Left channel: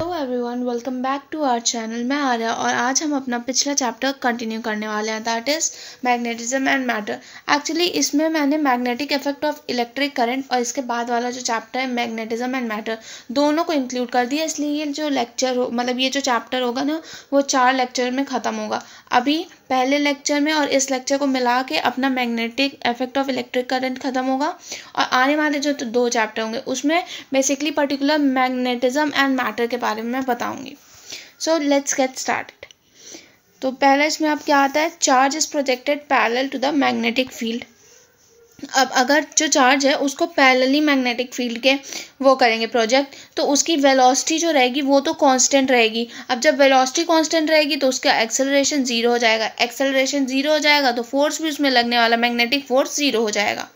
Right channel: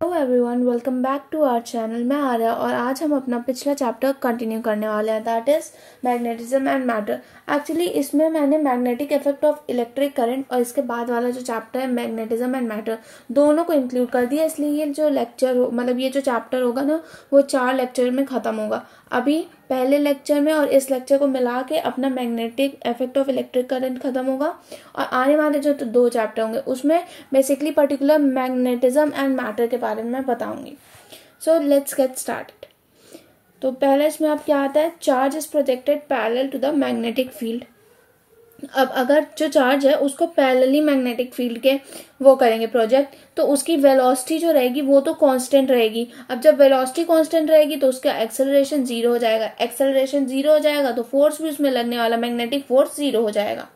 Hello everyone, welcome back to our channel. मैं आर्या और आज हम अपना पिछला चैप्टर कंटिन्यू करने वाले हैं, that is magnetism and matter. Actually इसमें मैंने magnetic effect of electric current और इसके बाद वाला जो चैप्टर है मैग्नेटिज्म एंड मैटर दोनों को इंक्लूड कर दिया। इसलिए ये जो लेक्चर हो मतलब ये जो चैप्टर होगा ना वो 4 लेक्चर में ख़त्म होगा। अभी पहले लेक्चर में और इस लेक्चर को मिला के अपना magnetic effect of electric current ख़त्म होगा और आने वाले जो 2 चैप्टर होंगे उसमें basically particular magnetism and matter के बारे में मैं बताऊंगी। So let's get started. तो पहले इसमें अब क्या आता है, charge is projected parallel to the magnetic field. अब अगर जो चार्ज है उसको पैरेलली मैग्नेटिक फील्ड के वो करेंगे प्रोजेक्ट, तो उसकी वेलोसिटी जो रहेगी वो तो कांस्टेंट रहेगी। अब जब वेलोसिटी कांस्टेंट रहेगी तो उसका एक्सेलरेशन जीरो हो जाएगा। एक्सेलरेशन जीरो हो जाएगा तो फोर्स भी उसमें लगने वाला मैग्नेटिक फोर्स जीरो हो जाएगा।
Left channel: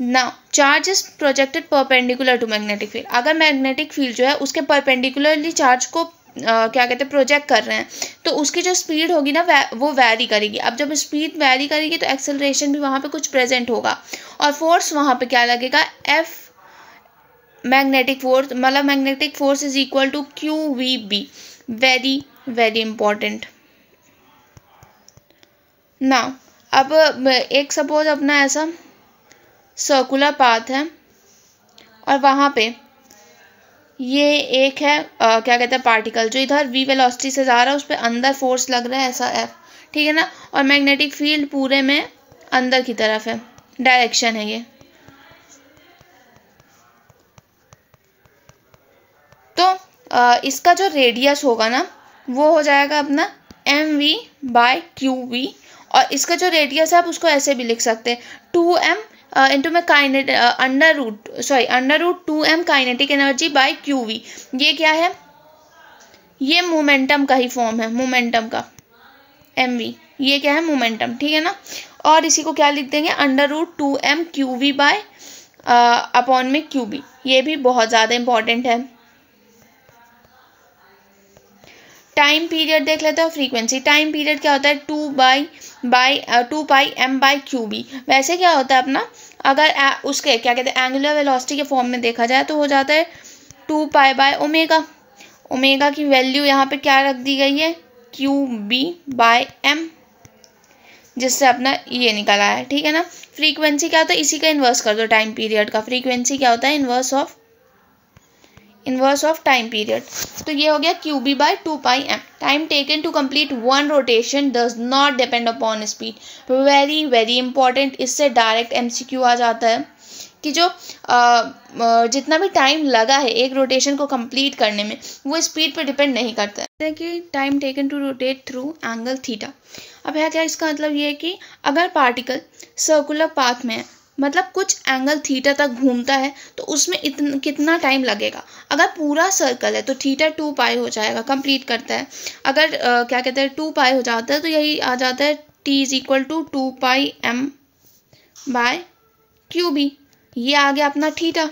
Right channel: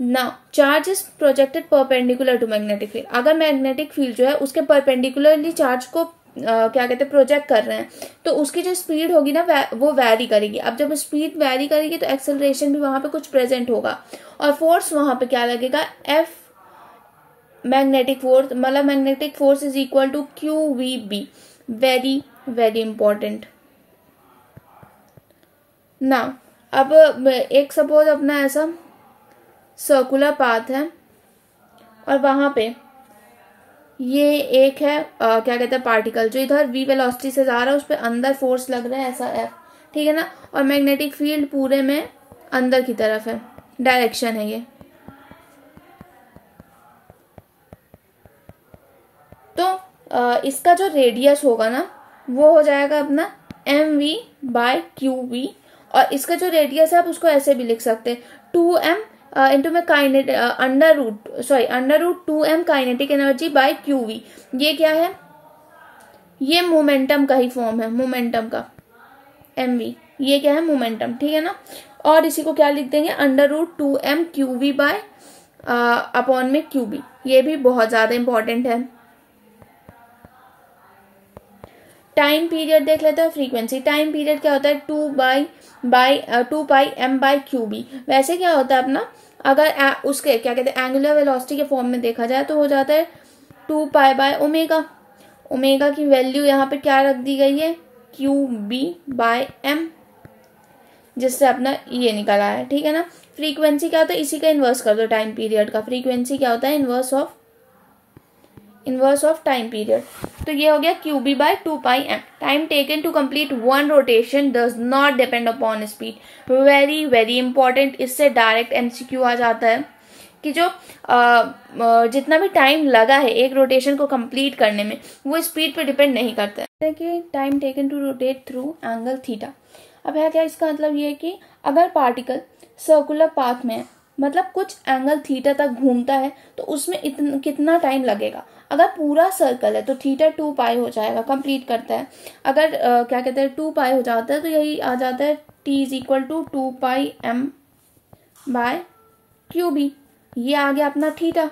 ना charge is projected perpendicular to magnetic field. अगर मैग्नेटिक फील्ड जो है उसके परपेंडिकुलरली चार्ज को क्या कहते हैं प्रोजेक्ट कर रहे हैं तो उसकी जो स्पीड होगी ना वो वैरी करेगी। अब जब स्पीड वैरी करेगी तो एक्सेलरेशन भी वहाँ पे कुछ प्रेजेंट होगा और फोर्स वहाँ पे क्या लगेगा, एफ मैग्नेटिक फोर्स, मतलब magnetic force is equal to Q V B. Very very important ना। अब एक सपोज अपना ऐसा सर्कुलर पाथ है और वहाँ पे ये एक है क्या कहते हैं पार्टिकल जो इधर v वेलोसिटी से जा रहा है, उस पर अंदर फोर्स लग रहा है ऐसा f, ठीक है ना। और मैग्नेटिक फील्ड पूरे में अंदर की तरफ है, डायरेक्शन है ये। तो इसका जो रेडियस होगा ना वो हो जाएगा अपना mv/qv और इसका जो रेडियस है आप उसको ऐसे भी लिख सकते हैं 2m इंटू में under root 2m kinetic energy by qv। ये क्या है, ये मोमेंटम का ही फॉर्म है, मोमेंटम का mv, ये क्या है मोमेंटम, ठीक है ना। और इसी को क्या लिख देंगे, under root 2m qv by upon में qb। ये भी बहुत ज़्यादा इंपॉर्टेंट है। टाइम पीरियड देख लेते हैं। फ्रीक्वेंसी टाइम पीरियड क्या होता है, 2πm/qb। वैसे क्या होता है अपना, अगर उसके क्या कहते हैं एंगुलर वेलोसिटी के फॉर्म में देखा जाए तो हो जाता है 2π/ओमेगा। ओमेगा की वैल्यू यहाँ पे क्या रख दी गई है, qb/m, जिससे अपना ये निकला है, ठीक है ना। फ्रीक्वेंसी क्या होता है, इसी का इन्वर्स कर दो टाइम पीरियड का। फ्रीक्वेंसी क्या होता है, इनवर्स ऑफ टाइम पीरियड। तो ये हो गया qb/2πm। Time taken to complete one rotation does not depend upon speed. Very very important, इससे डायरेक्ट एमसीक्यू आ जाता है कि जो जितना भी टाइम लगा है एक रोटेशन को कंप्लीट करने में वो स्पीड पर डिपेंड नहीं करता है। देखिए time taken to rotate through angle theta. अब है क्या, इसका मतलब ये है कि अगर पार्टिकल सर्कुलर पाथ में मतलब कुछ एंगल थीटा तक घूमता है तो उसमें कितना टाइम लगेगा। अगर पूरा सर्कल है तो थीटा 2π हो जाएगा, कंप्लीट करता है। अगर क्या कहते हैं 2π हो जाता है तो यही आ जाता है t is equal to 2πm/qb। ये आ गया अपना थीटा।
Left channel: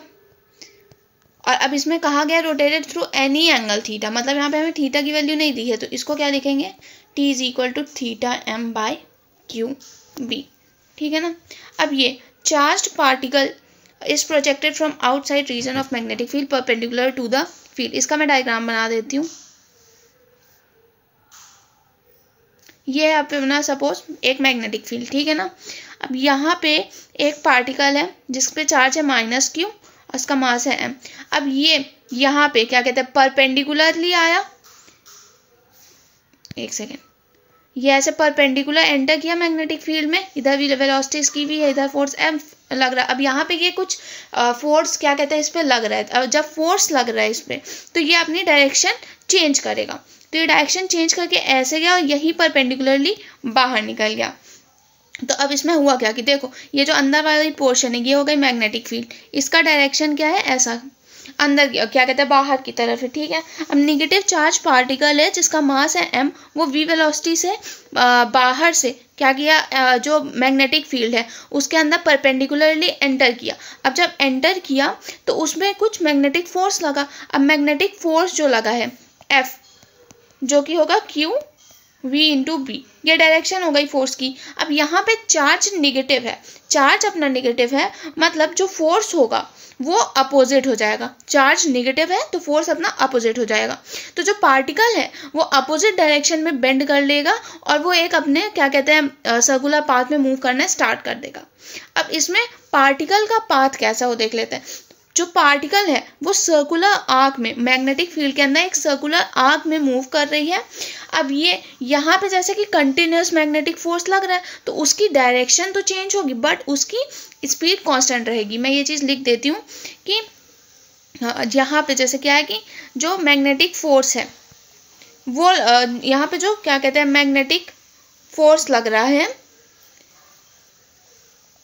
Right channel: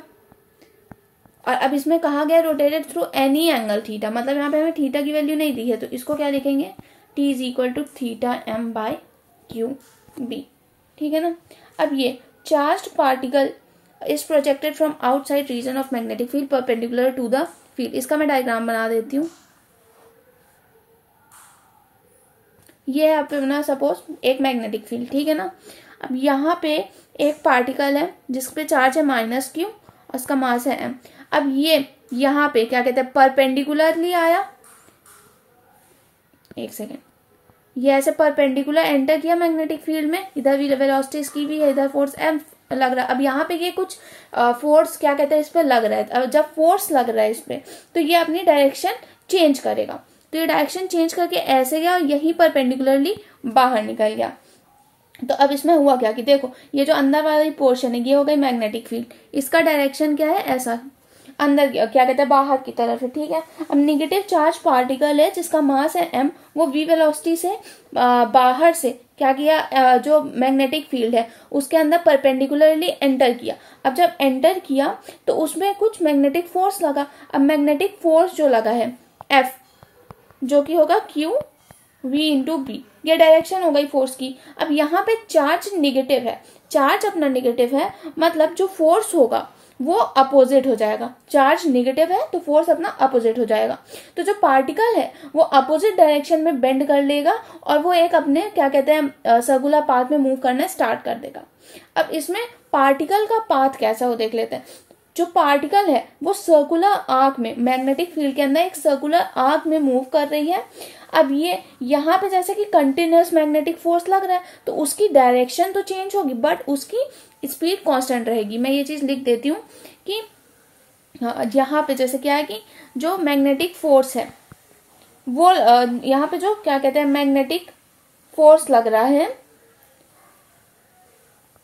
और अब इसमें कहा गया rotated through any angle theta, मतलब यहाँ पे हमें थीटा की वैल्यू नहीं दी है तो इसको क्या लिखेंगे, t is equal to θm/qb, ठीक है ना। अब ये charged particle is projected from outside region of magnetic field perpendicular to the field. इसका मैं डायग्राम बना देती हूँ। ये है अपना सपोज एक मैग्नेटिक फील्ड, ठीक है ना। अब यहाँ पे एक पार्टिकल है जिस पे चार्ज है -q और उसका मास है m। अब ये यहाँ पे क्या कहते हैं परपेंडिकुलरली आया, एक सेकेंड, ये ऐसे परपेंडिकुलर एंटर किया मैग्नेटिक फील्ड में, इधर भी वेलोसिटी इसकी भी है, इधर फोर्स m लग रहा है। अब यहाँ पे ये कुछ फोर्स क्या कहते हैं इस पे लग रहा है। अब जब फोर्स लग रहा है इस पे तो ये अपनी डायरेक्शन चेंज करेगा। तो ये डायरेक्शन चेंज करके ऐसे गया और यही परपेंडिकुलरली बाहर निकल गया। तो अब इसमें हुआ क्या कि देखो ये जो अंदर वाली पोर्शन है ये हो गई मैग्नेटिक फील्ड, इसका डायरेक्शन क्या है ऐसा अंदर क्या कहते हैं बाहर की तरफ है, ठीक है। अब नेगेटिव चार्ज पार्टिकल है जिसका मास है m, वो v वेलोसिटी से बाहर से क्या किया, जो मैग्नेटिक फील्ड है उसके अंदर परपेंडिकुलरली एंटर किया। अब जब एंटर किया तो उसमें कुछ मैग्नेटिक फोर्स लगा। अब मैग्नेटिक फोर्स जो लगा है F, जो कि होगा q v इंटू बी, ये डायरेक्शन हो गई फोर्स की। अब यहाँ पे चार्ज निगेटिव है, चार्ज अपना निगेटिव है, मतलब जो फोर्स होगा वो अपोजिट हो जाएगा। चार्ज नेगेटिव है तो फोर्स अपना अपोजिट हो जाएगा। तो जो पार्टिकल है वो अपोजिट डायरेक्शन में बेंड कर लेगा और वो एक अपने क्या कहते हैं सर्कुलर पाथ में मूव करना स्टार्ट कर देगा। अब इसमें पार्टिकल का पाथ कैसा हो देख लेते हैं। जो पार्टिकल है वो सर्कुलर आर्क में, मैग्नेटिक फील्ड के अंदर एक सर्कुलर आर्क में मूव कर रही है। अब ये यहाँ पे जैसे कि कंटिन्यूस मैग्नेटिक फोर्स लग रहा है तो उसकी डायरेक्शन तो चेंज होगी बट उसकी स्पीड कांस्टेंट रहेगी। मैं ये चीज़ लिख देती हूँ कि यहाँ पे जैसे क्या है कि जो मैग्नेटिक फोर्स है वो यहाँ पे जो क्या कहते हैं मैग्नेटिक फोर्स लग रहा है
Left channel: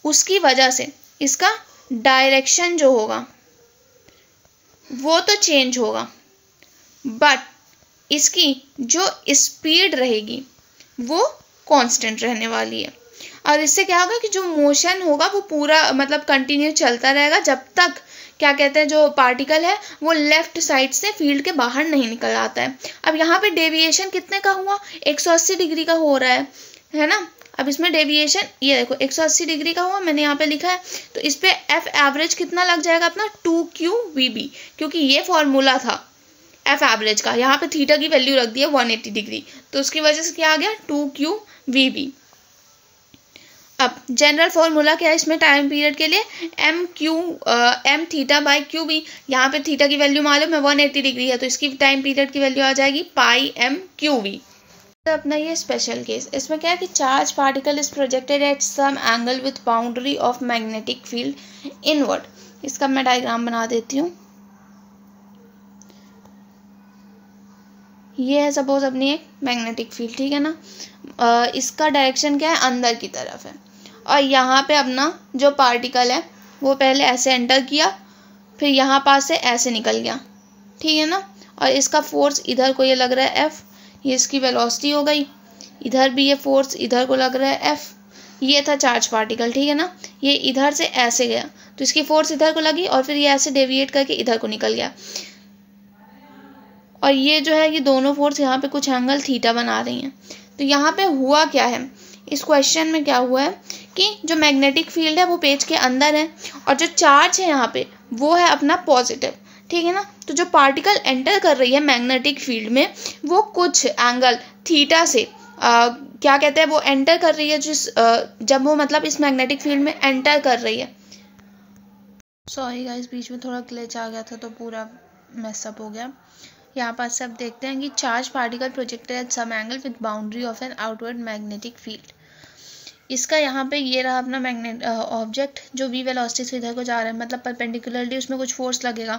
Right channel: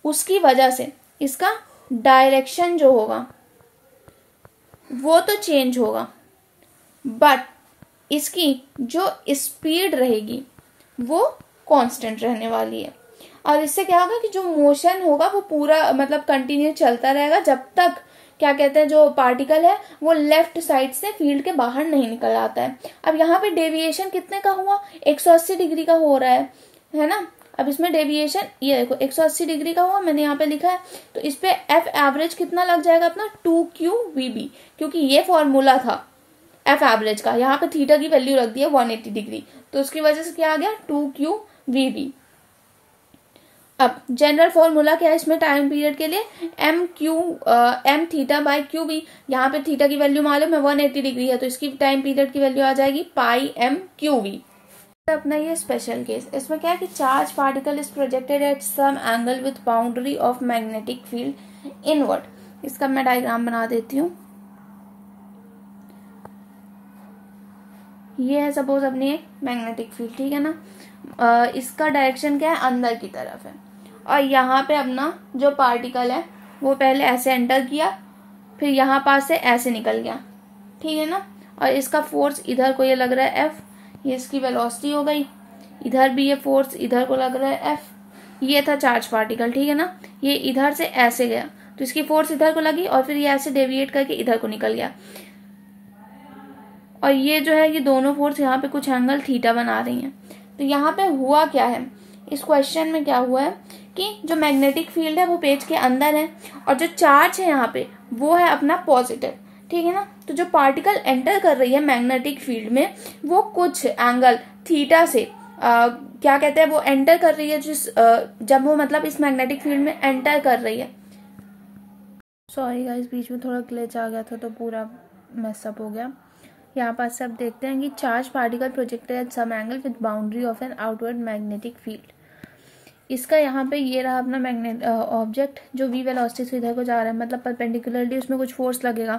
उसकी वजह से इसका डायरेक्शन जो होगा वो तो चेंज होगा बट इसकी जो स्पीड रहेगी वो कांस्टेंट रहने वाली है। और इससे क्या होगा कि जो मोशन होगा वो पूरा मतलब कंटिन्यू चलता रहेगा जब तक क्या कहते हैं जो पार्टिकल है वो लेफ्ट साइड से फील्ड के बाहर नहीं निकल आता है। अब यहाँ पे डेविएशन कितने का हुआ, 180 डिग्री का हो रहा है ना। अब इसमें डेविएशन ये देखो 180 डिग्री का हुआ, मैंने यहाँ पे लिखा है। तो इस पे एफ एवरेज कितना लग जाएगा अपना 2qvb, क्योंकि ये फॉर्मूला था एफ एवरेज का। यहाँ पे थीटा की वैल्यू रख दी है 180 डिग्री तो उसकी वजह से क्या आ गया 2qvb। अब जनरल फॉर्मूला क्या है इसमें टाइम पीरियड के लिए, M theta by Q B. यहाँ पे थीटा की वैल्यू मालूम है 180 डिग्री है तो इसकी टाइम पीरियड की वैल्यू आ जाएगी पाई एम क्यू वी। तो अपना ये स्पेशल केस, इसमें क्या है कि charge particle is projected at some angle with boundary of magnetic field inward. इसका मैं डायग्राम बना देती हूँ। ये है सपोज अपनी एक मैग्नेटिक फील्ड, ठीक है ना। इसका डायरेक्शन क्या है अंदर की तरफ है और यहाँ पे अपना जो पार्टिकल है वो पहले ऐसे एंटर किया फिर यहाँ पास से ऐसे निकल गया, ठीक है ना। और इसका फोर्स इधर को ये लग रहा है एफ, ये इसकी वेलोसिटी हो गई। इधर भी ये फोर्स इधर को लग रहा है एफ, ये था चार्ज पार्टिकल, ठीक है ना। ये इधर से ऐसे गया तो इसकी फोर्स इधर को लगी और फिर ये ऐसे डेविएट करके इधर को निकल गया। और ये जो है ये दोनों फोर्स यहाँ पे कुछ एंगल थीटा बना रही हैं। तो यहाँ पे हुआ क्या है, इस क्वेश्चन में क्या हुआ है कि जो मैग्नेटिक फील्ड है वो पेज के अंदर है और जो चार्ज है यहाँ पे वो है अपना पॉजिटिव, ठीक है ना। तो जो पार्टिकल एंटर कर रही है मैग्नेटिक फील्ड में वो कुछ एंगल थीटा से क्या कहते हैं वो एंटर कर रही है जिस जब वो मतलब इस मैग्नेटिक फील्ड में एंटर कर रही है। सॉरी गाइस, बीच में थोड़ा ग्लिच आ गया था तो पूरा मैसअप हो गया। यहाँ पास से अब देखते हैं कि charge particle projected at some angle with boundary of an outward magnetic field. इसका यहाँ पे ये रहा अपना मैग्नेट ऑब्जेक्ट जो वी वेलोसिटी से इधर को जा रहा है, मतलब परपेंडिकुलरली उसमें कुछ फोर्स लगेगा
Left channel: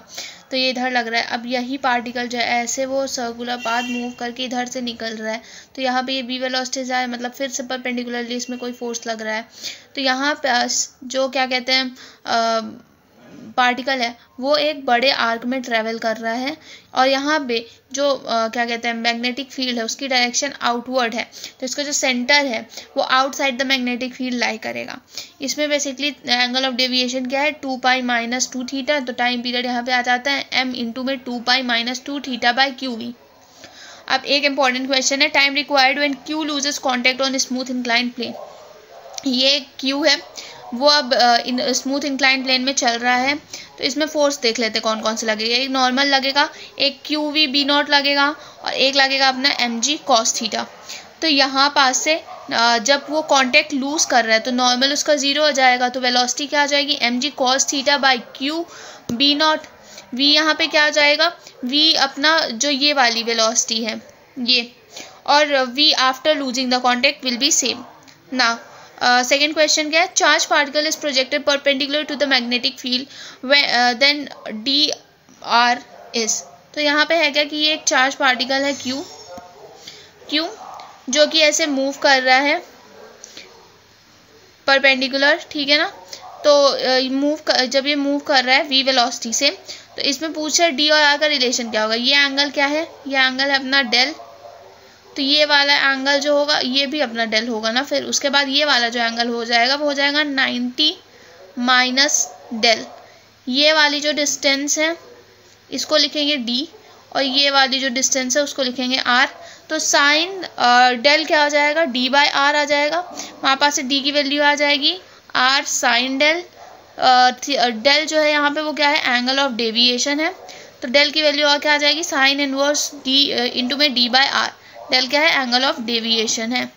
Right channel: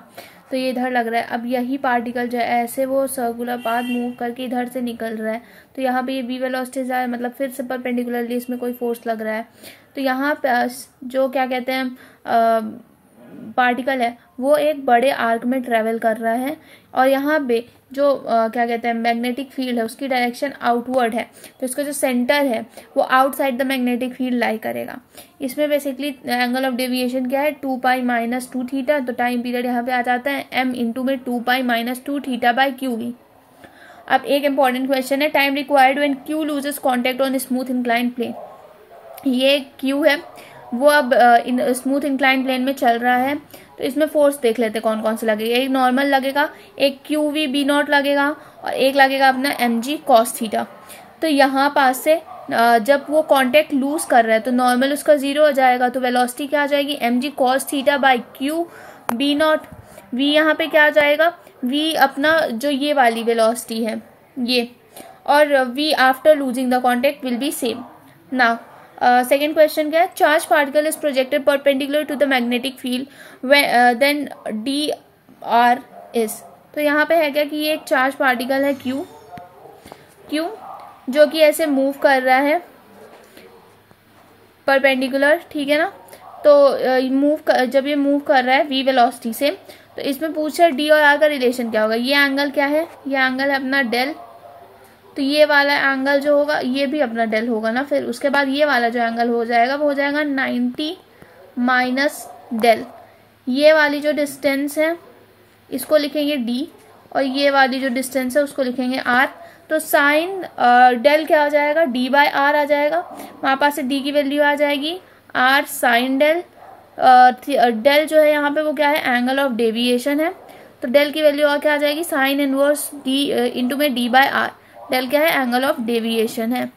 तो ये इधर लग रहा है। अब यही पार्टिकल जो है ऐसे वो सर्कुलर पाथ मूव करके इधर से निकल रहा है तो यहाँ पे ये वी वेलोसिटी जा रहा है, मतलब फिर से परपेंडिकुलरली इसमें कोई फोर्स लग रहा है। तो यहाँ पे जो क्या कहते हैं पार्टिकल है वो एक बड़े आर्क में ट्रेवल कर रहा है और यहाँ पे जो क्या कहते हैं मैग्नेटिक फील्ड है उसकी डायरेक्शन आउटवर्ड है तो इसका जो सेंटर है वो outside the magnetic field lie करेगा। इसमें बेसिकली एंगल ऑफ डेविएशन क्या है 2 पाई माइनस 2 थीटा। तो टाइम पीरियड यहाँ पे आ जाता है m इंटू में 2 pi minus 2 theta by Q V. अब एक इंपॉर्टेंट क्वेश्चन है, time required when q loses contact on smooth inclined plane. ये q है वो अब स्मूथ इंक्लाइन प्लेन में चल रहा है तो इसमें फोर्स देख लेते हैं कौन कौन से लगेगा। एक नॉर्मल लगेगा, एक क्यू वी बी नॉट लगेगा और एक लगेगा अपना एम जी कॉस थीटा। तो यहाँ पास से जब वो कांटेक्ट लूज कर रहा है तो नॉर्मल उसका 0 हो जाएगा तो वेलोसिटी क्या आ जाएगी M G cos theta by Q B naught. V यहाँ पे क्या आ जाएगा, वी अपना जो ये वाली वेलोसिटी है ये, और V after losing the contact will be same ना। सेकेंड क्वेश्चन क्या है, charge particle is projected perpendicular to the magnetic field then D R is. तो यहाँ पे है क्या कि ये एक चार्ज पार्टिकल है क्यू जो कि ऐसे मूव कर रहा है परपेंडिकुलर, ठीक है ना। तो जब ये मूव कर रहा है वी वेलोसिटी से तो इसमें पूछा डी और आर का रिलेशन क्या होगा। ये एंगल क्या है, ये एंगल है अपना डेल, तो ये वाला एंगल जो होगा ये भी अपना डेल होगा ना। फिर उसके बाद ये वाला जो एंगल हो जाएगा वो हो जाएगा 90 माइनस डेल। ये वाली जो डिस्टेंस है इसको लिखेंगे d और ये वाली जो डिस्टेंस है उसको लिखेंगे r। तो साइन डेल क्या आ जाएगा d बाय आर आ जाएगा, वहाँ पास से d की वैल्यू आ जाएगी r साइन डेल डेल जो है यहाँ पे वो क्या है, एंगल ऑफ डेविएशन है। तो डेल की वैल्यू और क्या आ जाएगी, साइन इनवर्स डी इंटू में डी बाय आर। डेल क्या है, एंगल ऑफ डेविएशन है।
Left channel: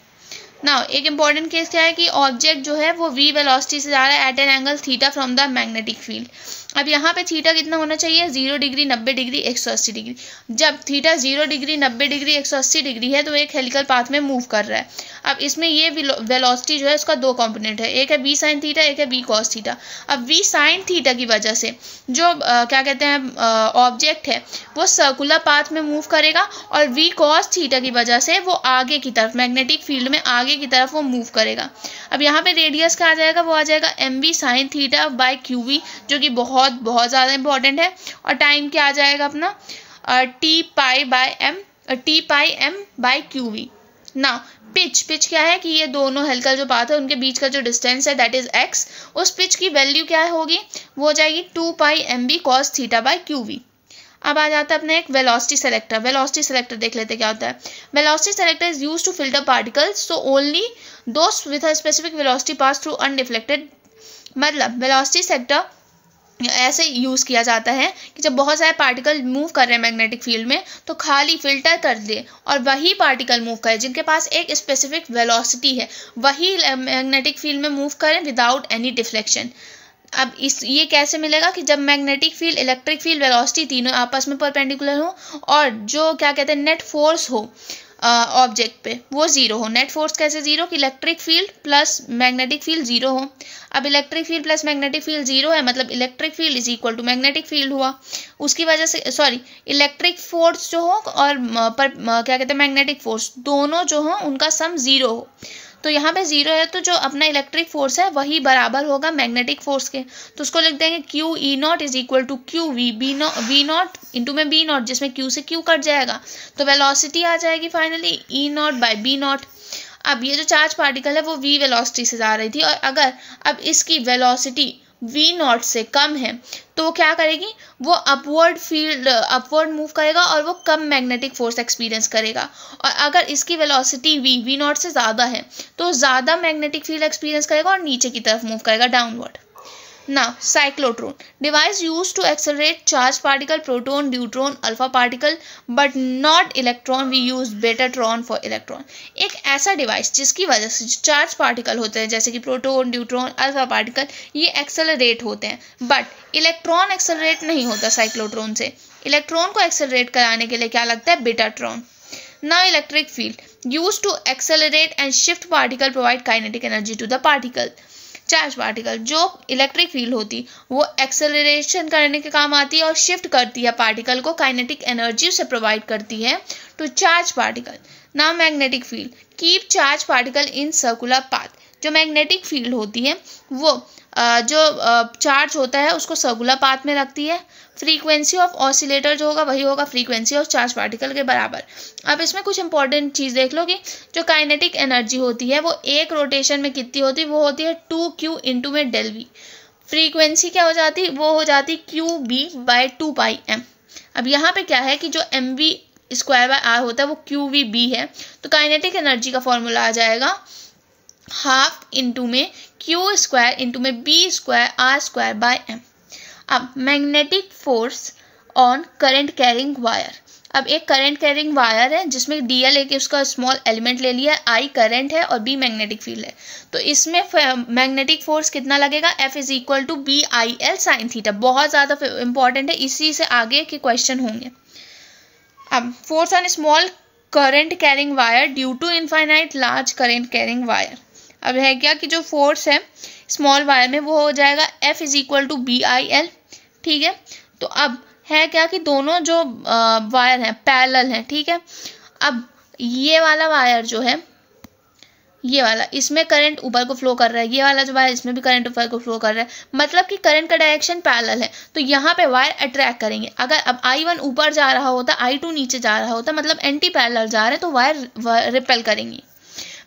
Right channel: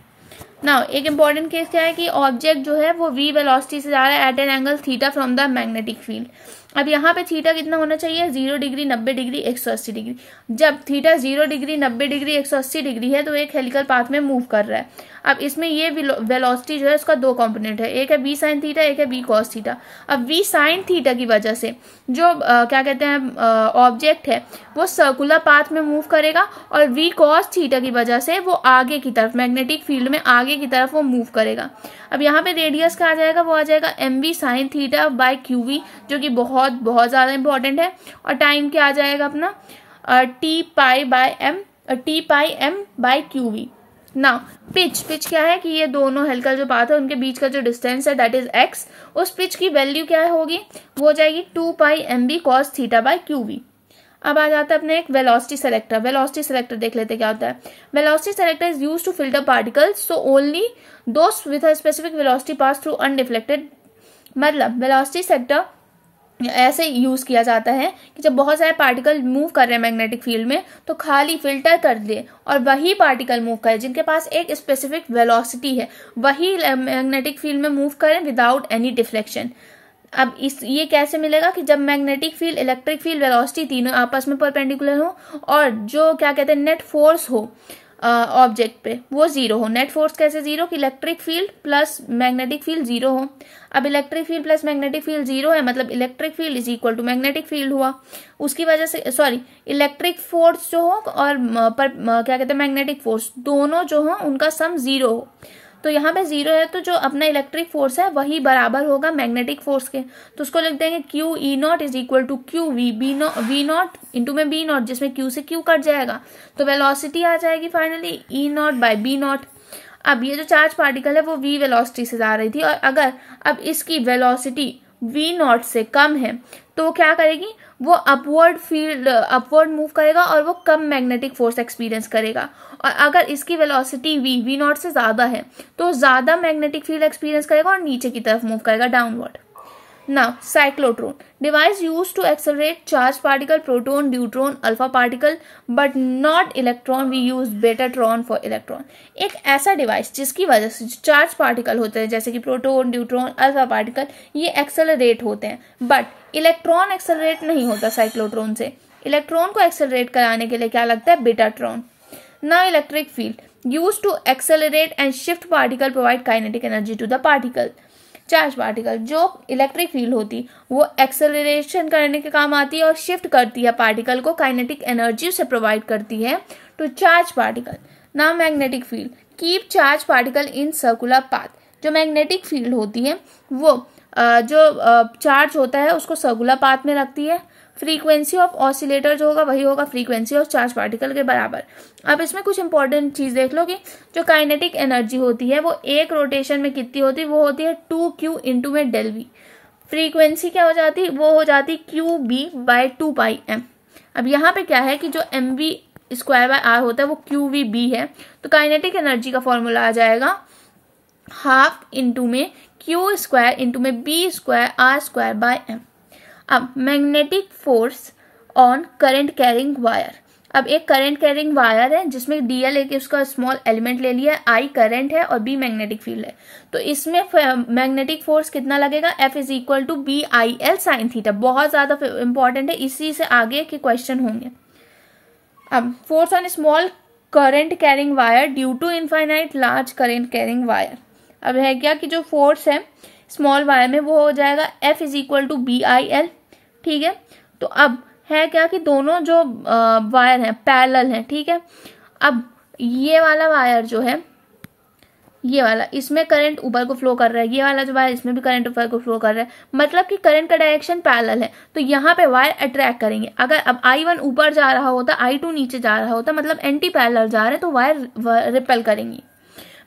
नाउ एक इंपॉर्टेंट केस क्या है कि ऑब्जेक्ट जो है वो v वेलोसिटी से जा रहा है at an angle theta from the magnetic field. अब यहाँ पे थीटा कितना होना चाहिए, 0 डिग्री, 90 डिग्री, 180 डिग्री। जब थीटा 0 डिग्री, 90 डिग्री, 180 डिग्री है तो एक हेलिकल पाथ में मूव कर रहा है। अब इसमें ये वेलोसिटी जो है उसका दो कंपोनेंट है, एक है v साइन थीटा, एक है v कॉस थीटा। अब v साइन थीटा की वजह से जो क्या कहते हैं ऑब्जेक्ट है वो सर्कुलर पाथ में मूव करेगा, और v कॉस थीटा की वजह से वो आगे की तरफ मैग्नेटिक फील्ड में आगे की तरफ वो मूव करेगा। अब यहाँ पे रेडियस क्या आ जाएगा, वो आ जाएगा mv sine theta by qv, जो कि बहुत बहुत ज़्यादा इंपॉर्टेंट है। और टाइम क्या आ जाएगा अपना t पाई m बाय qv। ना पिच क्या है कि ये दोनों हेलिकल जो पाथ है उनके बीच का जो डिस्टेंस है दैट इज x। उस पिच की वैल्यू क्या होगी, वो हो जाएगी 2 पाई mv cos theta by qv। अब आ जाता है अपने एक वेलोसिटी सेलेक्टर। वेलोसिटी सेलेक्टर देख लेते क्या होता है। Velocity selector is used to filter particles, so only those with a specific velocity pass through undeflected. मतलब वेलोसिटी सेलेक्टर ऐसे यूज़ किया जाता है कि जब बहुत सारे पार्टिकल मूव कर रहे हैं मैग्नेटिक फील्ड में तो खाली फिल्टर कर दे और वही पार्टिकल मूव करें जिनके पास एक स्पेसिफिक वेलोसिटी है, वही मैग्नेटिक फील्ड में मूव करें विदाउट एनी डिफ्लेक्शन। अब ये कैसे मिलेगा कि जब magnetic field, electric field, velocity तीनों आपस में परपेंडिकुलर हो और जो क्या कहते हैं नेट फोर्स हो ऑब्जेक्ट पे वो जीरो हो। नेट फोर्स कैसे जीरो, कि electric field plus magnetic field zero हो। अब electric field plus magnetic field zero है, मतलब electric field is equal to magnetic field हुआ। उसकी वजह से इलेक्ट्रिक फोर्स जो हो और क्या कहते हैं मैग्नेटिक फोर्स दोनों जो हो उनका सम जीरो हो। तो यहाँ पे जीरो है तो जो अपना इलेक्ट्रिक फोर्स है वही बराबर होगा मैग्नेटिक फोर्स के। तो उसको लिख देंगे Q E naught is equal to Q V naught into में बी नॉट, जिसमें क्यू से क्यू कट जाएगा तो वेलोसिटी आ जाएगी finally E naught by B naught. अब ये जो चार्ज पार्टिकल है वो v वेलोसिटी से जा रही थी और अगर अब इसकी वेलोसिटी v नॉट से कम है तो क्या करेगी, वो अपवर्ड मूव करेगा और वो कम मैग्नेटिक फोर्स एक्सपीरियंस करेगा। और अगर इसकी वेलोसिटी v नॉट से ज़्यादा है तो ज़्यादा मैग्नेटिक फील्ड एक्सपीरियंस करेगा और नीचे की तरफ मूव करेगा, downward. Now, cyclotron device used to accelerate charged particle, proton, deuteron, alpha particle, but not electron. We use betatron for electron. एक ऐसा डिवाइस जिसकी वजह से जो चार्ज पार्टिकल होते हैं जैसे कि प्रोटोन, ड्यूट्रॉन, अल्फा पार्टिकल, ये एक्सेलरेट होते हैं, बट इलेक्ट्रॉन एक्सेलरेट नहीं होता साइक्लोट्रॉन से। इलेक्ट्रॉन को एक्सेलरेट कराने के लिए क्या लगता है, बेटाट्रॉन। Now, electric field used to accelerate and shift particle provide kinetic energy to the particle. Charge particle जो इलेक्ट्रिक फील्ड होती वो एक्सेलरेशन करने के काम आती है और शिफ्ट करती है पार्टिकल को, काइनेटिक एनर्जी उसे प्रोवाइड करती है to charge particle. Now magnetic field keep charge particle in circular path. जो मैग्नेटिक फील्ड होती है वो जो चार्ज होता है उसको सर्कुलर पाथ में रखती है। फ्रीक्वेंसी ऑफ ऑसिलेटर जो होगा वही होगा फ्रीक्वेंसी ऑफ चार्ज पार्टिकल के बराबर। अब इसमें कुछ इंपॉर्टेंट चीज़ देख लो कि जो काइनेटिक एनर्जी होती है वो एक रोटेशन में कितनी होती है, वो होती है 2q इंटू में डेल वी। फ्रीक्वेंसी क्या हो जाती है, वो हो जाती Q B by 2 pi M. अब यहाँ पे क्या है कि जो M V square by R होता है वो क्यू वी बी है, तो काइनेटिक एनर्जी का फॉर्मूला आ जाएगा हाफ इंटू में क्यू स्क्वायर इंटू में B square R square by M. अब magnetic force on current carrying wire. अब एक करंट कैरिंग वायर है जिसमें डीएल एक उसका स्मॉल एलिमेंट ले लिया, आई करंट है और बी मैग्नेटिक फील्ड है, तो इसमें मैग्नेटिक फोर्स कितना लगेगा, F is equal to B I L sine theta. बहुत ज़्यादा इंपॉर्टेंट है, इसी से आगे के क्वेश्चन होंगे। अब force on small current carrying wire due to infinite large current carrying wire. अब है क्या कि जो फोर्स है स्मॉल वायर में वो हो जाएगा F is equal to B I L, ठीक है। तो अब है क्या कि दोनों जो वायर हैं पैरेलल हैं, ठीक है। अब ये वाला वायर जो है ये वाला, इसमें करंट ऊपर को फ्लो कर रहा है, ये वाला जो वायर इसमें भी करंट ऊपर को फ्लो कर रहा है, मतलब कि करंट का डायरेक्शन पैरेलल है, तो यहाँ पे वायर अट्रैक्ट करेंगे। अगर अब I1 ऊपर जा रहा होता, I2 नीचे जा रहा होता, मतलब एंटी पैरेलल जा रहे हैं, तो वायर रिपेल करेंगी।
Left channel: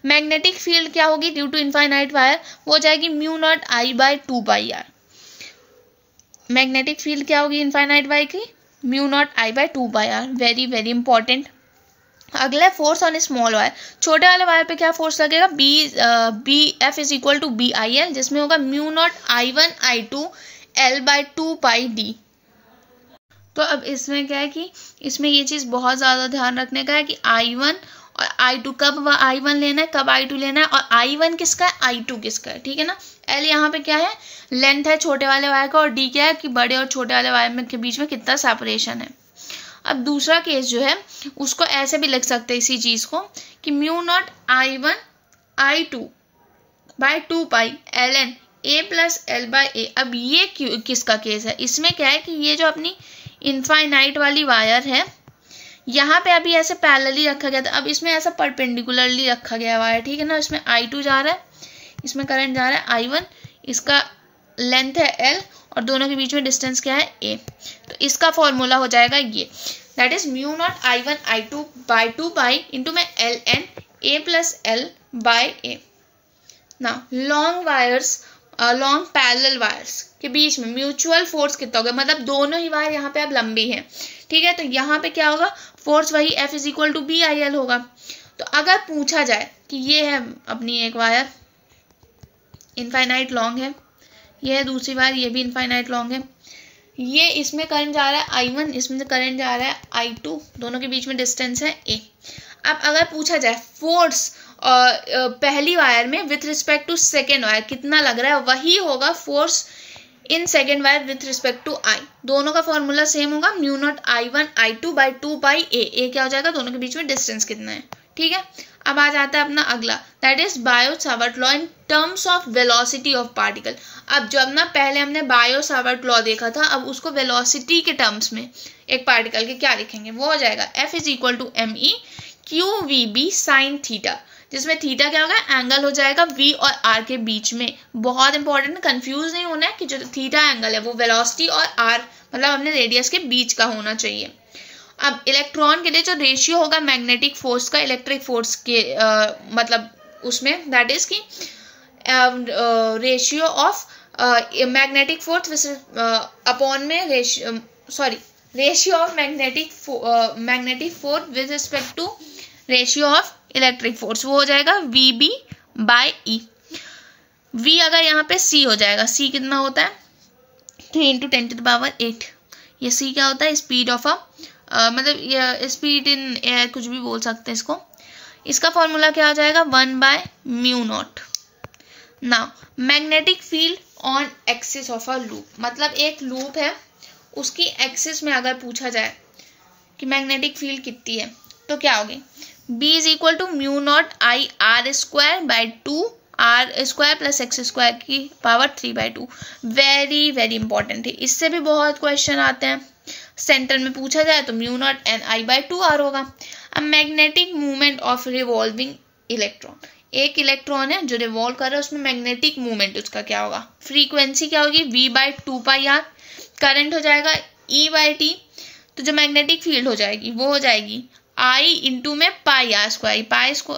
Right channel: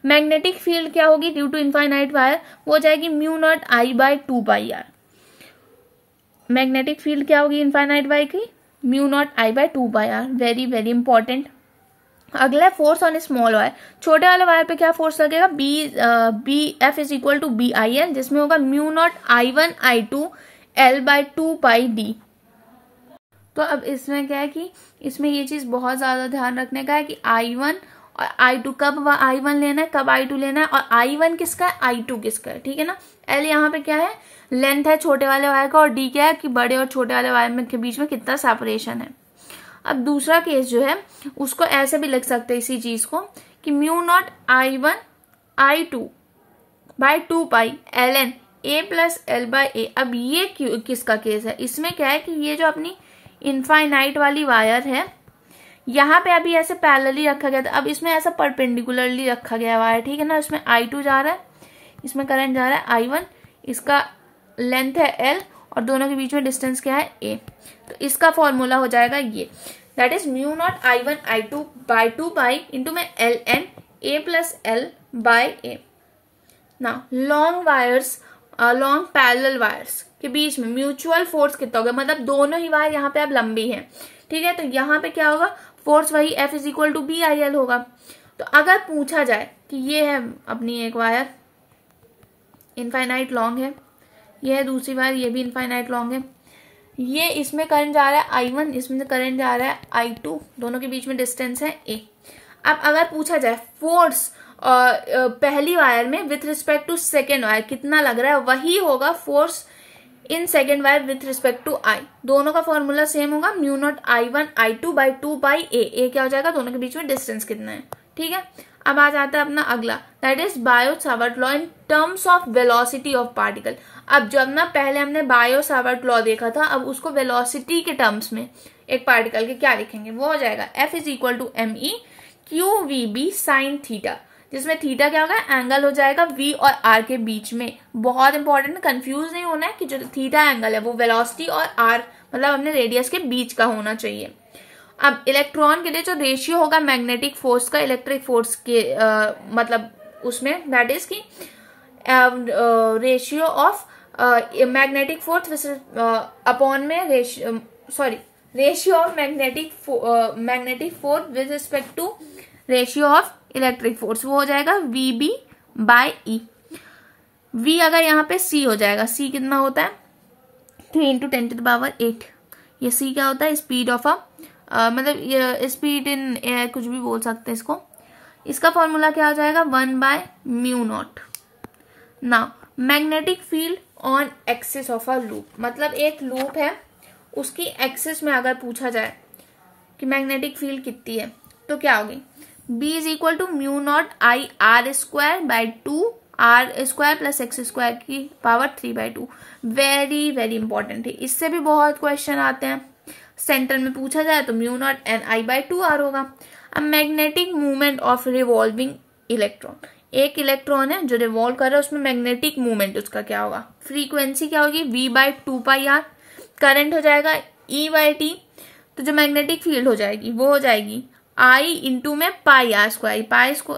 मैग्नेटिक फील्ड क्या होगी ड्यू टू इनफाइनाइट वायर, वो हो जाएगी mu naught I by 2 pi R. Magnetic field क्या होगी इनफाइनाइट वायर की, mu naught I by 2 pi R. Very very important. अगला है फोर्स ऑन स्मॉल वायर। छोटे वाले वायर पे क्या फोर्स लगेगा, B F is equal to B I L, जिसमें होगा म्यू नॉट I1I2L/2πD। तो अब इसमें क्या है कि इसमें ये चीज़ बहुत ज़्यादा ध्यान रखने का है कि I1 और I2 कब I1 लेना है, कब I2 लेना है, और I1 किसका है, I2 किसका है, ठीक है ना। L यहाँ पे क्या है, लेंथ है छोटे वाले वायर का, और D क्या है कि बड़े और छोटे वाले वायर में के बीच में कितना सेपरेशन है। अब दूसरा केस जो है उसको ऐसे भी लिख सकते हैं इसी चीज़ को कि mu naught I1I2/2π ln A+L/A। अब ये किसका केस है, इसमें क्या है कि ये जो अपनी इनफाइनाइट वाली वायर है यहाँ पे अभी ऐसे पैरेलली रखा गया था, अब इसमें ऐसा परपेंडिकुलरली रखा गया वायर, ठीक है ना। इसमें I2 जा रहा है, इसमें करंट जा रहा है I1, इसका लेंथ है L और दोनों के बीच में डिस्टेंस क्या है A। तो इसका फॉर्मूला हो जाएगा ये, that is mu naught I1I2/2π into में ln A+L/A। ना long wires, long parallel wires के बीच में म्यूचुअल फोर्स कितना होगा, मतलब दोनों ही वायर यहाँ पे अब लंबी हैं, ठीक है। तो यहाँ पे क्या होगा, फोर्स वही F is equal to BIL होगा। तो अगर पूछा जाए कि ये है अपनी एक वायर इनफाइनाइट लॉन्ग है, ये है दूसरी वायर, ये भी इनफाइनाइट लॉन्ग है, ये इसमें करंट जा रहा है I1, इसमें करंट जा रहा है I2, दोनों के बीच में डिस्टेंस है A। अब अगर पूछा जाए फोर्स पहली वायर में with respect to second wire कितना लग रहा है, वही होगा force in second wire with respect to I। दोनों का फॉर्मूला सेम होगा, म्यू नॉट I1I2/2πA। A क्या हो जाएगा, दोनों के बीच में डिस्टेंस कितना है, ठीक है। अब आ जाता है अपना अगला, that is Biot-Savart law in terms of velocity of particle. अब जो अपना पहले हमने बायो-सावर्ट लॉ देखा था, अब उसको वेलोसिटी के टर्म्स में एक पार्टिकल के क्या लिखेंगे, वो हो जाएगा F is equal to ME/QVB sin theta, जिसमें थीटा क्या होगा, एंगल हो जाएगा V और R के बीच में। बहुत इंपॉर्टेंट, कंफ्यूज नहीं होना है कि जो थीटा एंगल है वो वेलोसिटी और R मतलब अपने रेडियस के बीच का होना चाहिए। अब इलेक्ट्रॉन के लिए जो रेशियो होगा मैग्नेटिक फोर्स का इलेक्ट्रिक फोर्स के मतलब उसमें, दैट इज की ratio of magnetic force upon में ratio of magnetic force with respect to ratio of electric force, वो हो जाएगा VB/E। V अगर यहाँ पे C हो जाएगा, C कितना होता है 3 × 10⁸। ये C क्या होता है, स्पीड ऑफ मतलब ये स्पीड इन एयर, कुछ भी बोल सकते हैं इसको। इसका फॉर्मूला क्या हो जाएगा, 1/μ0। Now magnetic field on axis of a loop, मतलब एक लूप है उसकी एक्सिस में अगर पूछा जाए कि मैग्नेटिक फील्ड कितनी है, तो क्या होगी, B is equal to μ0 I/r² + x² की पावर 3/2। वेरी वेरी इंपॉर्टेंट है, इससे भी बहुत क्वेश्चन आते हैं। सेंटर में पूछा जाए तो μ0 Ni/2r होगा। अब magnetic movement of revolving electron, एक इलेक्ट्रॉन है जो रिवॉल्व कर रहा है, उसमें मैग्नेटिक मूवमेंट उसका क्या होगा, फ्रीक्वेंसी क्या होगी V/2πr, करंट हो जाएगा E/t। तो जो मैग्नेटिक फील्ड हो जाएगी वो हो जाएगी I इंटू में πr²।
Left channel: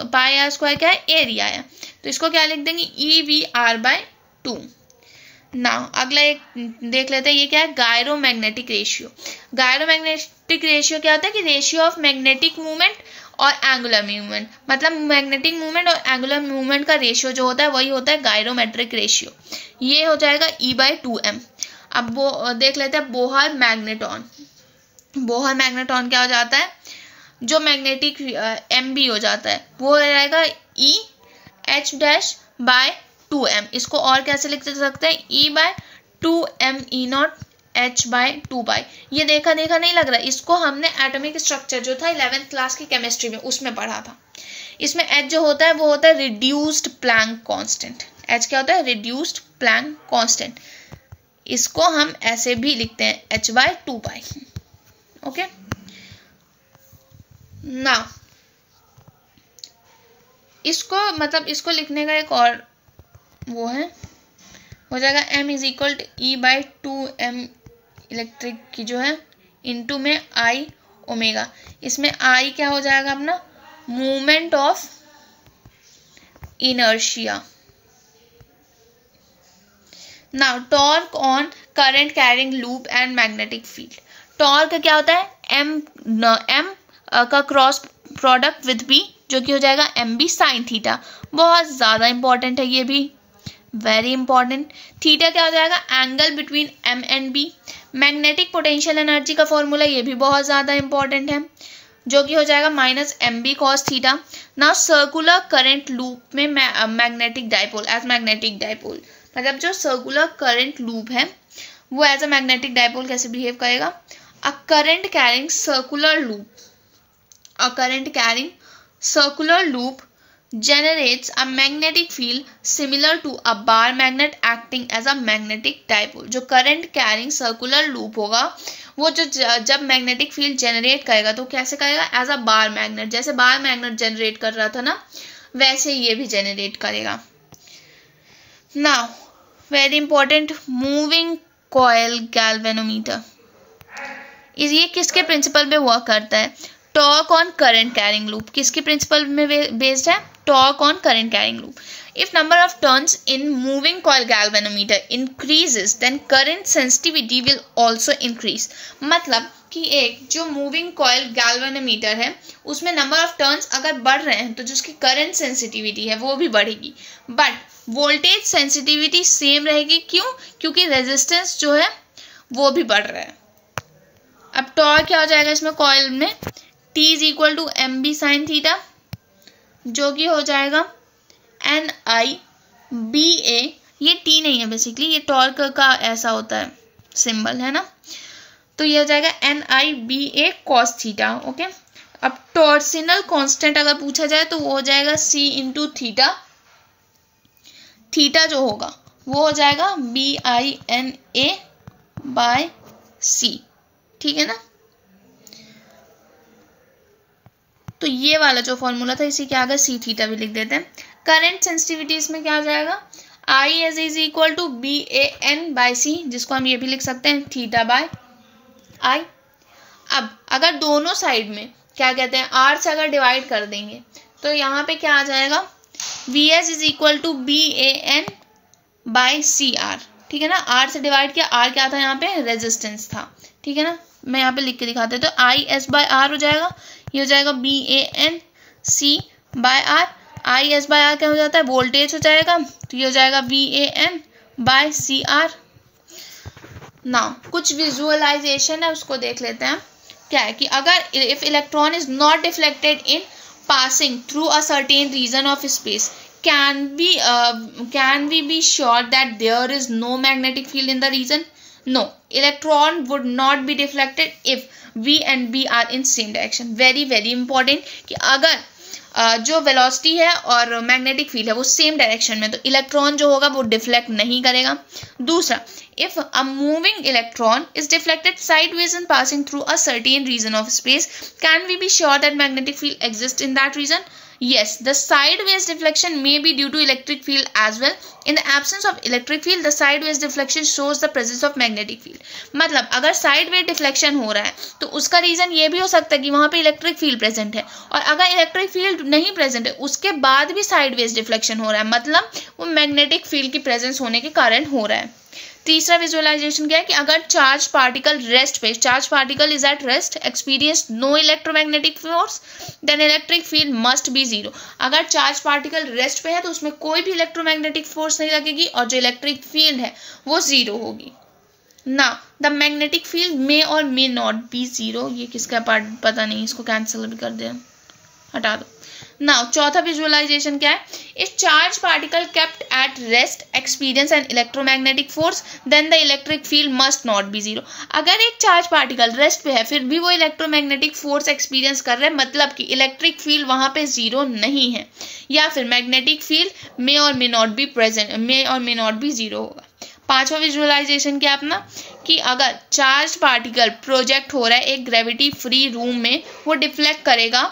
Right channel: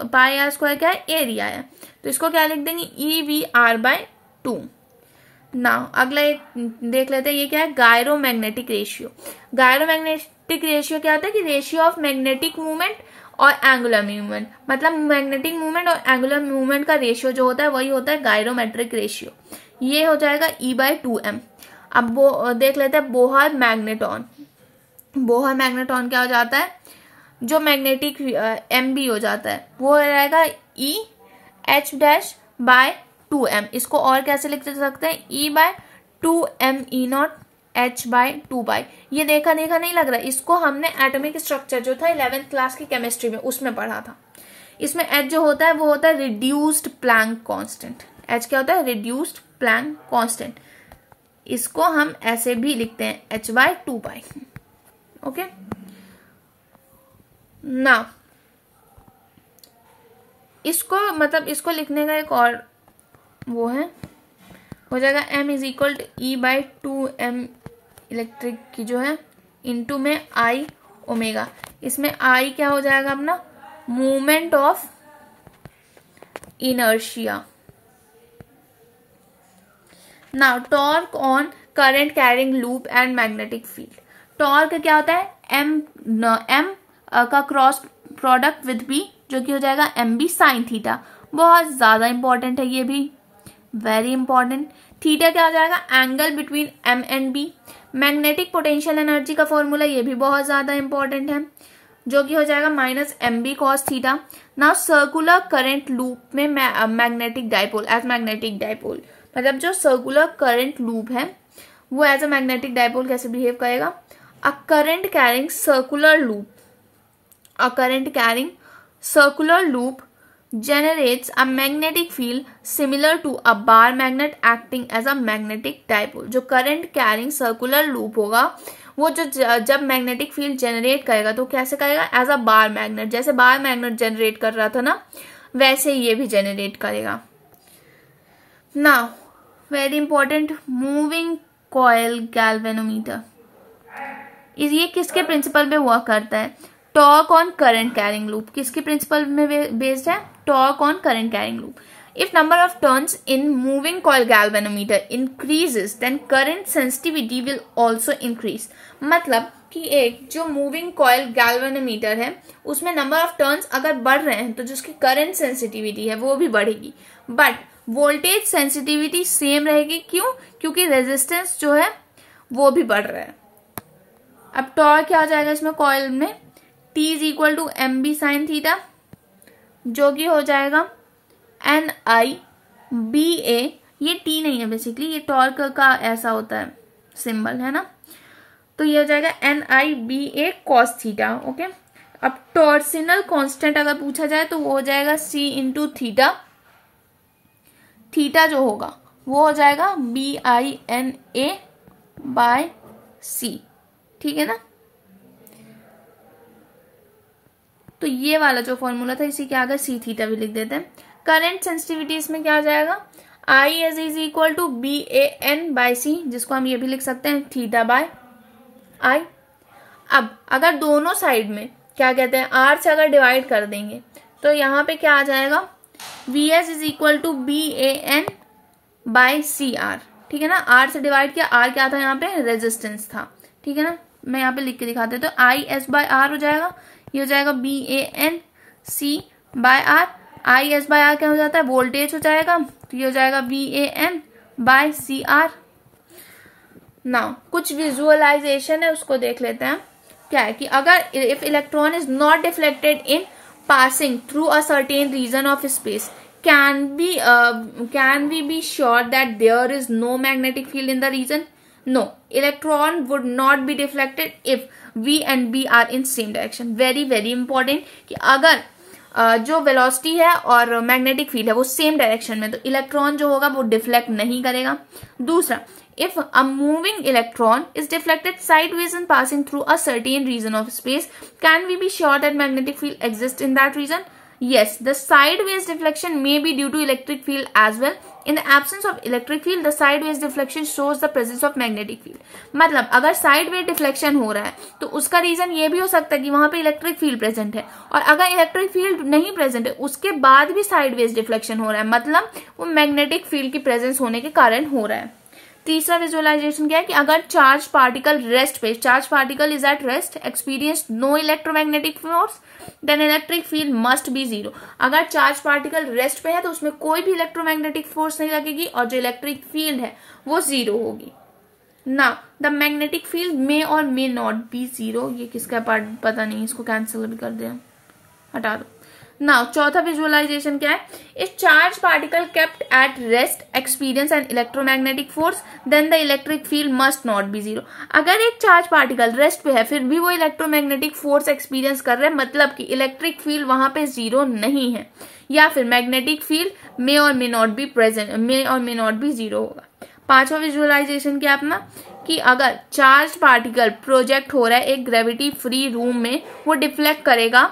πr² क्या है, एरिया है, तो इसको क्या लिख देंगे EVr/2। ना अगला एक देख लेते हैं, ये क्या है, गायरोमैग्नेटिक रेशियो। गायरोमैग्नेटिक रेशियो क्या होता है कि रेशियो ऑफ मैग्नेटिक मूवमेंट और एंगुलर मूवमेंट, मतलब मैग्नेटिक मूवमेंट और एंगुलर मूवमेंट का रेशियो जो होता है वही होता है गायरोमेट्रिक रेशियो। ये हो जाएगा E/2m। अब वो देख लेते हैं बोहर मैग्नेटॉन। बोहर मैग्नेटॉन क्या हो जाता है, जो मैग्नेटिक MB हो जाता है वो हो जाएगा EH'/2m। इसको और कैसे लिख सकते हैं, E/2m E0 H/2π। ये देखा नहीं लग रहा, इसको हमने एटॉमिक स्ट्रक्चर जो था 11th क्लास की केमिस्ट्री में उसमें पढ़ा था। इसमें H जो होता है वो होता है रिड्यूस्ड प्लैंक कांस्टेंट। H क्या होता है, रिड्यूस्ड प्लैंक कांस्टेंट। इसको हम ऐसे भी लिखते हैं H/2π। ओके, ना इसको मतलब इसको लिखने का एक और वो है, हो जाएगा M is equal to E/2m electric की जो है इंटू में I ओमेगा। इसमें I क्या हो जाएगा अपना, movement of inertia. Now torque on current carrying loop and magnetic field. Torque क्या होता है, M का क्रॉस प्रोडक्ट विद बी, जो कि हो जाएगा एम बी साइन थीटा। बहुत ज़्यादा इंपॉर्टेंट है ये भी, वेरी इंपॉर्टेंट। थीटा क्या हो जाएगा, angle between M and B. Magnetic potential energy का फॉर्मूला ये भी बहुत ज़्यादा इंपॉर्टेंट है, जो कि हो जाएगा minus M B cos theta. Now circular current loop में magnetic dipole, as magnetic dipole, मतलब जो सर्कुलर करंट लूप है वो एज अ मैग्नेटिक डाइपोल कैसे बिहेव करेगा। A current carrying circular loop, a current carrying circular loop generates a magnetic field similar to a bar magnet acting as a magnetic dipole। जो current carrying circular loop होगा वो जो जब magnetic field generate करेगा तो कैसे करेगा, as a bar magnet, जैसे बार मैग्नेट जनरेट कर रहा था ना वैसे ये भी जनरेट करेगा। Now very important, moving coil galvanometer, ये किसके प्रिंसिपल पे वर्क करता है, torque on current carrying loop. किसके प्रिंसिपल में बेस्ड है, torque on current carrying loop. If number of turns in moving coil galvanometer increases then current sensitivity will also increase. मतलब कि एक जो मूविंग कॉइल गैल्वेनोमीटर है उसमें नंबर ऑफ टर्न्स अगर बढ़ रहे हैं तो जो उसकी करंट सेंसिटिविटी है वो भी बढ़ेगी, बट वोल्टेज सेंसिटिविटी सेम रहेगी। क्यों, क्योंकि रेजिस्टेंस जो है वो भी बढ़ रहा है। अब टॉर्क क्या हो जाएगा इसमें कॉइल में, T is equal to M B sine theta, जो कि हो जाएगा एन आई बी ए। ये T नहीं है बेसिकली, ये टॉर्क का ऐसा होता है सिंबल है ना, तो ये हो जाएगा एन आई बी ए कॉस थीटा। ओके, अब टॉर्सिनल कांस्टेंट अगर पूछा जाए तो वो हो जाएगा C इंटू थीटा। थीटा जो होगा वो हो जाएगा BINA बाय C, ठीक है ना। तो ये वाला जो फॉर्मूला था इसी के आगे सी थीटा भी लिख देते हैं। करंट सेंसिटिविटी इसमें क्या आ जाएगा, I as is equal to BAN by C, जिसको हम ये भी लिख सकते हैं थीटा बाय आई। अब अगर दोनों साइड में क्या कहते हैं R से अगर डिवाइड कर देंगे तो यहाँ पे क्या आ जाएगा, VS is equal to BAN by CR, ठीक है ना। R से डिवाइड किया, R क्या था यहाँ पे, रेजिस्टेंस था, ठीक है ना। मैं यहाँ पे लिख के दिखाते हैं, तो IS बाय R हो जाएगा, ये हो जाएगा BAN C by R। IS by R क्या हो जाता है, वोल्टेज हो जाएगा, तो ये हो जाएगा VAN बाय CR। नाउ कुछ विजुअलाइजेशन है उसको देख लेते हैं। क्या है कि अगर if electron is not deflected in passing through a certain region of space, can we be sure that there is no magnetic field in the region? No, electron would not be deflected if V and B are in same direction. very very important कि अगर जो velocity है और magnetic field है वो same direction में, तो electron जो होगा वो डिफ्लेक्ट नहीं करेगा। दूसरा, if a moving electron is deflected sideways and passing through a certain region of space, can we be sure that magnetic field exists in that region? Yes, the sideways deflection may be due to electric field as well. In the absence of electric field, the sideways deflection shows the presence of magnetic field. मतलब अगर sideways deflection हो रहा है तो उसका reason ये भी हो सकता है कि वहाँ पे इलेक्ट्रिक फील्ड प्रेजेंट है, और अगर इलेक्ट्रिक फील्ड नहीं प्रेजेंट है उसके बाद भी साइडवेज डिफ्लेक्शन हो रहा है, मतलब वो मैग्नेटिक फील्ड की प्रेजेंस होने के कारण हो रहा है। तीसरा विजुअलाइजेशन क्या है कि अगर चार्ज पार्टिकल रेस्ट पे, charge particle is at rest, experience no electromagnetic force, then electric field must be zero. अगर चार्ज पार्टिकल रेस्ट पे है तो उसमें कोई भी इलेक्ट्रोमैग्नेटिक फोर्स नहीं लगेगी और जो इलेक्ट्रिक फील्ड है वो जीरो होगी। ना द मैग्नेटिक फील्ड मे और मे नॉट बी जीरो, ये किसका पार्ट पता नहीं, इसको कैंसिल भी कर दे, हटा दो। नाउ चौथा विजुअलाइजेशन क्या है, if charge particle kept at rest experience an electromagnetic force then the electric field must not be zero. अगर एक चार्ज पार्टिकल रेस्ट पे है फिर भी वो इलेक्ट्रोमैग्नेटिक फोर्स एक्सपीरियंस कर रहे हैं, मतलब कि इलेक्ट्रिक फील्ड वहां पे जीरो नहीं है, या फिर मैग्नेटिक फील्ड मे और मे नॉट बी प्रेजेंट, मे और मे नॉट बी जीरो होगा। पांचवा विजुअलाइजेशन क्या अपना, कि अगर चार्ज पार्टिकल प्रोजेक्ट हो रहा है एक ग्रेविटी फ्री रूम में, वो डिफ्लेक्ट करेगा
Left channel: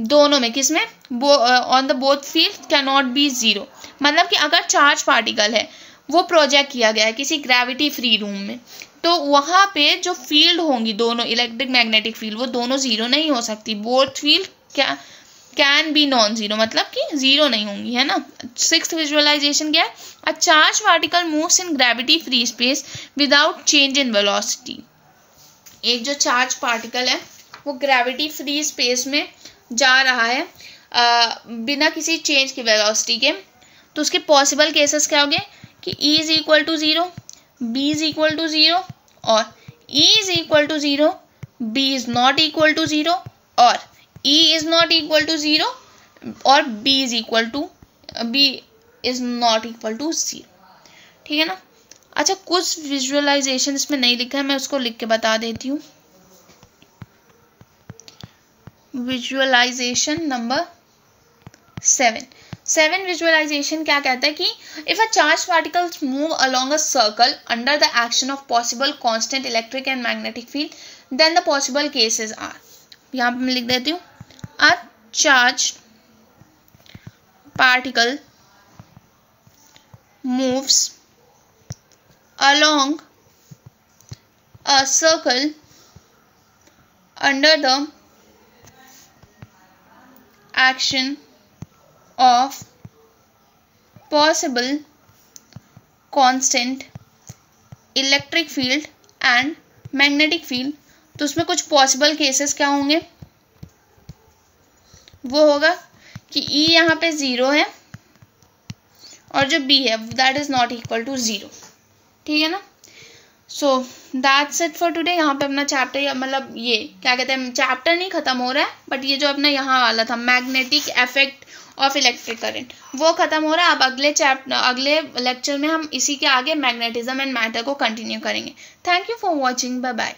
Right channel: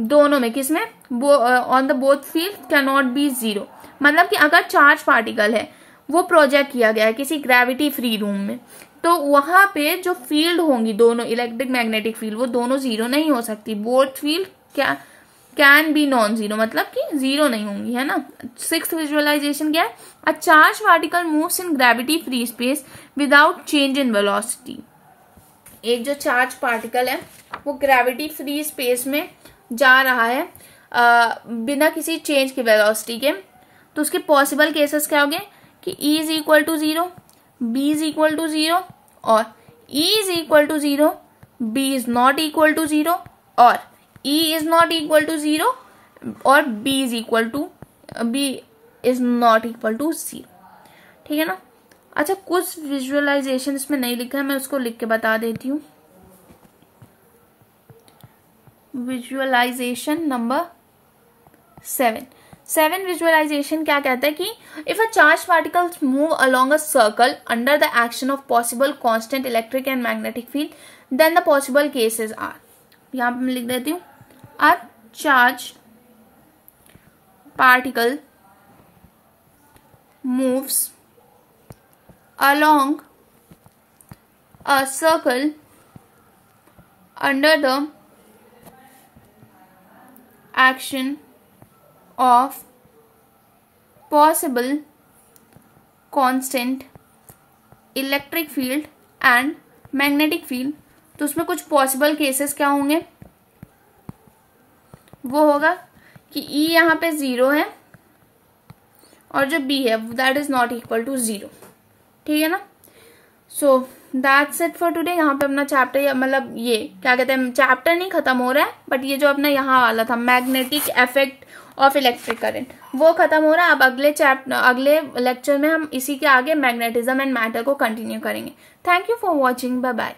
दोनों में, किसमें, on the both field can not be zero. मतलब कि अगर चार्ज पार्टिकल है वो प्रोजेक्ट किया गया है किसी ग्रेविटी फ्री रूम में, तो वहाँ पे जो फील्ड होंगी दोनों इलेक्ट्रिक मैग्नेटिक फील्ड वो दोनों जीरो नहीं हो सकती, बोथ फील्ड क्या कैन बी नॉन जीरो, मतलब कि जीरो नहीं होंगी, है ना। सिक्स्थ विजुअलाइजेशन क्या है, अ charge particle moves in gravity free space without change in velocity. एक जो चार्ज पार्टिकल है वो ग्रेविटी फ्री स्पेस में जा रहा है बिना किसी चेंज की वेलोसिटी के, तो उसके पॉसिबल केसेस क्या हो गए कि E is equal to 0, B is equal to 0 और E is equal to 0, B is not equal to 0 और E is not equal to 0 और B is not equal to 0। ठीक है ना। अच्छा, कुछ विजुअलाइजेशन इसमें नहीं लिखा है, मैं उसको लिख के बता देती हूँ। विजुअलाइजेशन नंबर 7 विजुअलाइजेशन क्या कहता है कि if a charge particles move along a circle under the action of possible constant electric and magnetic field then the possible cases are, यहाँ पे मैं लिख देती हूँ, a charge particle moves along a circle under the action of possible constant electric field and magnetic field। तो उसमें कुछ possible cases क्या होंगे, वो होगा कि E यहाँ पे 0 है और जो B है that is not equal to 0। ठीक है ना। So that's it for today. यहाँ पे अपना चैप्टर मतलब ये क्या कहते हैं, चैप्टर नहीं खत्म हो रहा है, बट ये जो अपना यहाँ वाला था magnetic effect of electric current वो खत्म हो रहा है। अब अगले लेक्चर में हम इसी के आगे मैग्नेटिज्म एंड मैटर को कंटिन्यू करेंगे। Thank you for watching, bye bye.